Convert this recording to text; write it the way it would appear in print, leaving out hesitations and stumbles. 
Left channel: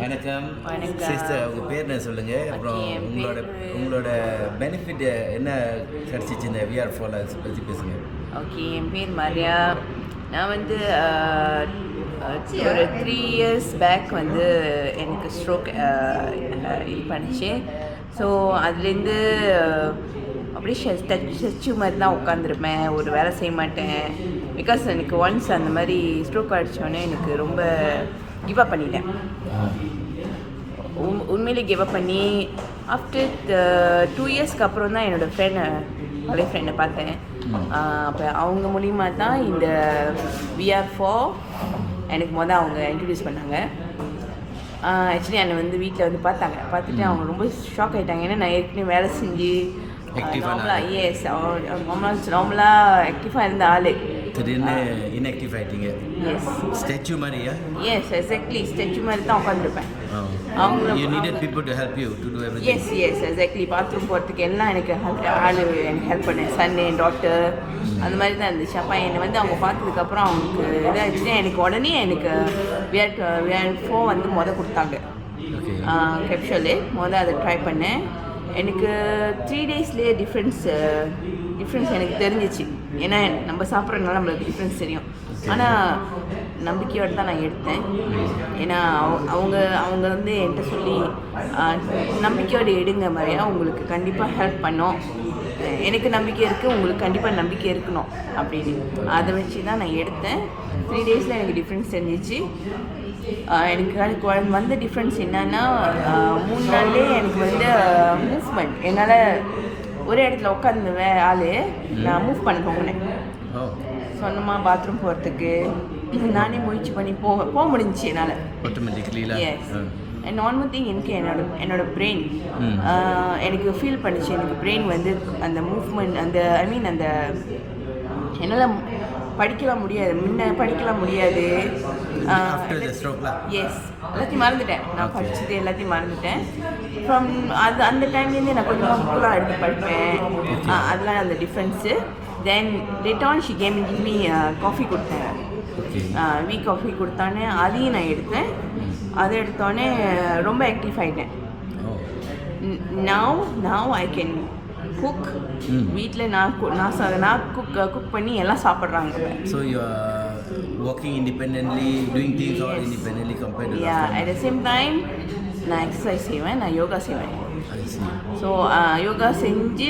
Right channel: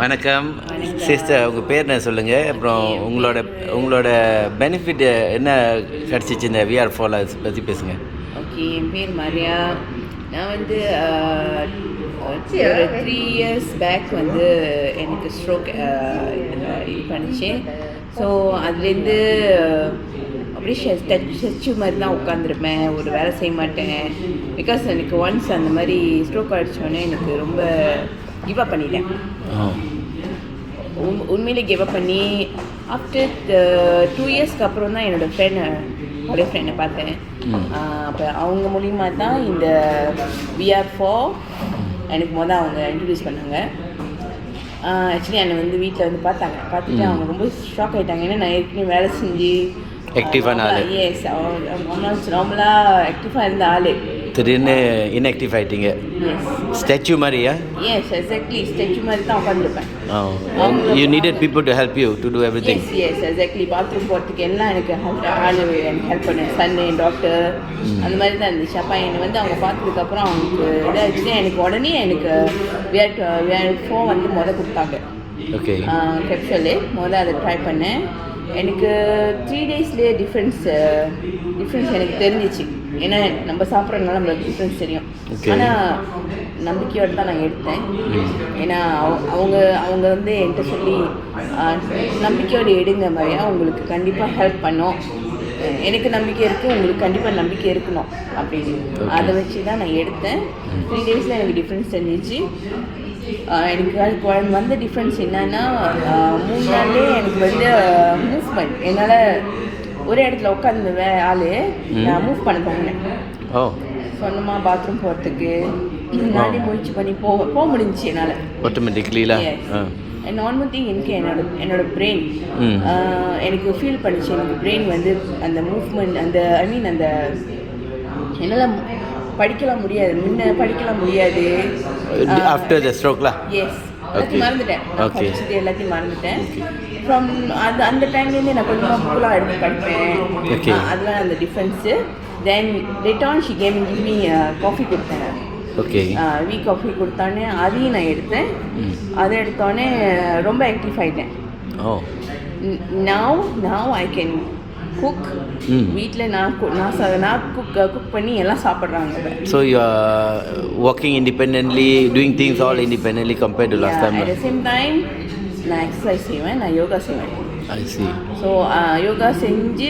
வணக்கம் சிஸ்டர், உங்கள் பேர் என்ன சொல்லுங்கள். அப்புறம் உங்களோட பெனிஃபிட் என்ன கிடச்சிச்சு இந்த விஆர் ஃபால் பற்றி பேசுங்க. ஓகே, என் பேர் மரியா. நான் வந்து ஒரு 3 years பேக் வந்து எனக்கு ஸ்ட்ரோக் இது பண்ணிச்சு. ஸோ அதுலேருந்து அப்படியே ஸ்டெச்சு மாதிரி தான் உட்காந்துருப்பேன், ஒரு வேலை செய்ய மாட்டேன். பிகாஸ் எனக்கு ஒன்ஸ் அந்த மாதிரி ஸ்ட்ரோக் அடிச்சோடனே எனக்கு ரொம்ப கிவ் அப் பண்ணிட்டேன். உண்மையிலே கிவ் அப் பண்ணி ஆஃப்டர் 2 yearsக்கு அப்புறம் தான் என்னோடய ஃப்ரெண்டை பார்த்தேன். அப்போ அவங்க மூலிமா தான் இந்த VR4 எனக்கு அவங்க இன்ட்ரடியூஸ் பண்ணாங்க. ஆக்சுவலி என்னை வந்து வீட்டில் வந்து பார்த்துட்டு அவங்க ரொம்ப ஷாக் ஆகிட்டாங்க. ஏன்னா நான் ஏற்கனவே வேலை செஞ்சு ஆக்டிவான ஆள். எஸ், நார்மலாக ஆக்டிவாக இருந்த ஆள் திடீர்னு இன்ஆக்டிவ் ஆகிட்டீங்க. ஸ்டாச்சு மாதிரியா? எஸ், எக்ஸாக்ட்லி ஸ்டாச்சு மாதிரி தான் உட்காந்துருப்பேன். You needed people to help you to do everything. Yes, exactly. Bathroom போகிறதுக்கு எல்லாம் எனக்கு ஹெல்ப் பண்ணேன். சன்னு, டாக்டர் அந்த மாதிரி தான் இருந்துச்சு. அப்போ என்னை வந்து அவங்க பார்த்ததுக்கப்புறம் அவங்களுக்கு இதாகிடுச்சு. எனக்கு உடனே எனக்கு VR4 வந்து கொடுத்தாங்க. ஓகே, கேப்சூலு அதை ட்ரை பண்ணேன். எனக்கு 3 daysலேயே டிஃப்ரென்ஸ் எனக்கு தெரிஞ்சிச்சு. ஏன்னா நம்ம சாப்பிட்றதுனால நம்மளுக்கு டிஃப்ரென்ஸ் தெரியும். ஆனால் நம்பிக்கையோடு தான் நான் எடுத்தேன். ஏன்னா அவங்க வந்து என்கிட்ட சொல்லி நம்பிக்கையோடு எடுங்க மாதிரி, ஏன்னா உங்களுக்கு கண்டிப்பாக ஹெல்ப் பண்ணோம். எனக்கு நம்பிக்கை இருக்குது, உங்களுக்கு கண்டிப்பாக நம்பிக்கை இருக்கணும் அப்படின்னு. அதை வச்சு தான் நான் எடுத்தேன். 3 daysல எனக்கு டிஃப்ரென்ஸ் தெரிஞ்சிச்சு. எனக்கு வந்த டிஃப்ரென்ஸ் என்னன்னா, 3 நாள்லேயே எனக்கு வந்து மூவ்மெண்ட், என்னால் ஒரே இடத்துல உட்காந்து ஆள் நான் மூவ் பண்ண போனேன். சொந்தமாக பாத்ரூம் போகிறதுக்கு நானே முயற்சி பண்ணி போக முடிஞ்சிச்சு என்னால் ஆட்டோமேட்டிக்லி. நார்மல் திங் எனக்கு என்னோட பிரெயின் எனக்கு ஃபீல் பண்ணிச்சு. எனக்கு பிரெயின் வந்து அந்த மூவ்மெண்ட், அந்த அந்த என்னால் படிக்கலாம் முடியாது, முன்ன படிக்கலாம் முடியாது. ஆஃப்டர் தி ஸ்ட்ரோக்ல மறந்துட்டேன். எல்லாத்தையும் மறந்துட்டேன். ஃப்ரம் அந்த டைம்லேருந்து நான் கொஞ்சம் புக்கெலாம் எடுத்து படிப்பேன். அதெல்லாம் அந்த difference. Then return she came me coffee கொடுத்தேன். காஃபி கொடுத்தானே அதையும் நான் எடுத்தேன். அதை எடுத்தோடனே ரொம்ப ஆக்டிவ் ஆகிட்டேன். Now I can cook. வீட்டில் நான் குக் பண்ணி எல்லாம் சாப்பிட்றாங்க. So you are working independently, doing things all independently compared to last time. At the same time நான் எக்ஸசைஸ் செய்வேன், நான் யோகா செய்வேன். ஐ சி. ஸோ யோகா செஞ்சு